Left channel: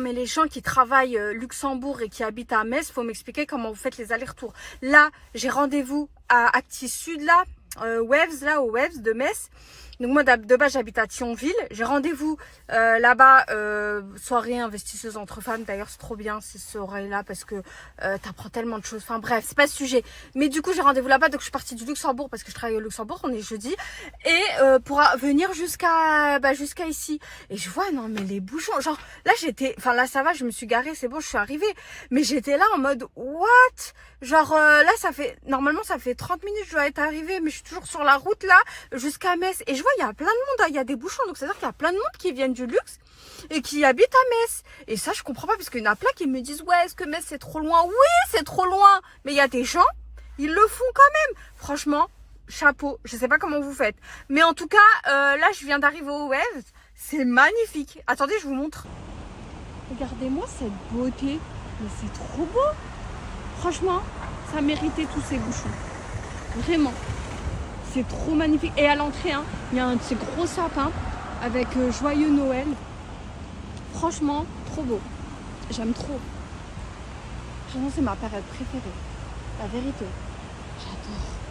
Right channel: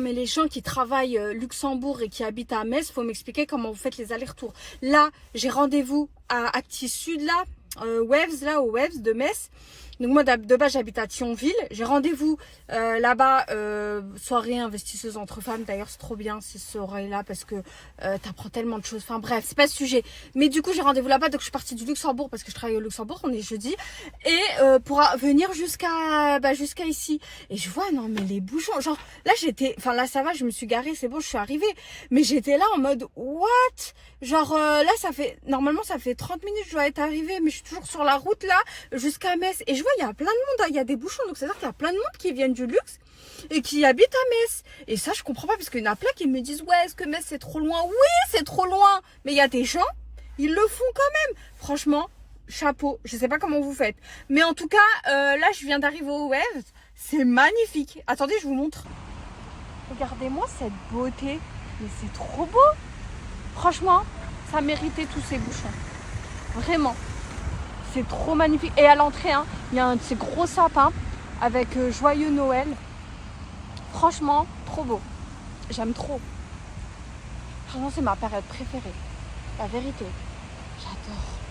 Mais les gens qui travaillent Luxembourg et qui habitent à Metz, faut m'expliquer comment vous faites les allers-retours. Là, j'ai rendez-vous à Actis Sud, là, Waves, là, au Waves de Metz. Donc moi, de base, j'habite à Thionville. J'ai rendez-vous là-bas, soirée investisseuse entre femmes. D'ailleurs, c'est trop bien ces soirées-là parce que t'apprends tellement de choses. Enfin bref, c'est pas le sujet. Mais du coup, j'ai rendez-vous là-bas. Donc je suis partie du Luxembourg parce que je travaille au Luxembourg. On est jeudi. Et pour venir jusqu'à jusqu'à ici. Et je vois, non mais les bouchons. Genre là, enfin là, ça va, je me suis garée. C'est bon, je suis arrivée. Mais j'étais là en mode, what? Genre là, normalement, ça fait 30 minutes que je dois être arrivée. Mais je suis toujours sur la route là, jusqu'à Metz. Et je vois, il y a plein de monde, hein, il y a des bouchons, donc c'est-à-dire qu'il y a plein de monde qui viennent du luxe et qui habitent à Metz. Et ça, je comprends pas, parce qu'il y en a plein qui me disent, ouais, est-ce que Metz c'est trop loin? Oui, c'est trop loin, mais il y a des gens, ils le font quand même. Franchement, chapeau, je sais pas comment vous faites. Mais en tout cas, là, je viens d'arriver au Waves, c'est magnifique. Attendez, je vous montre. Regardez-moi cette beauté, mais c'est trop beau. Franchement, ça méritait tous ces bouchons. Vraiment. C'est trop magnifique. Et à l'entrée, hein, il y a un de ces gros sapins avec Joyeux Noël. Franchement, trop beau. J'aime trop. Franchement, c'est ma période préférée. La vérité. J'adore.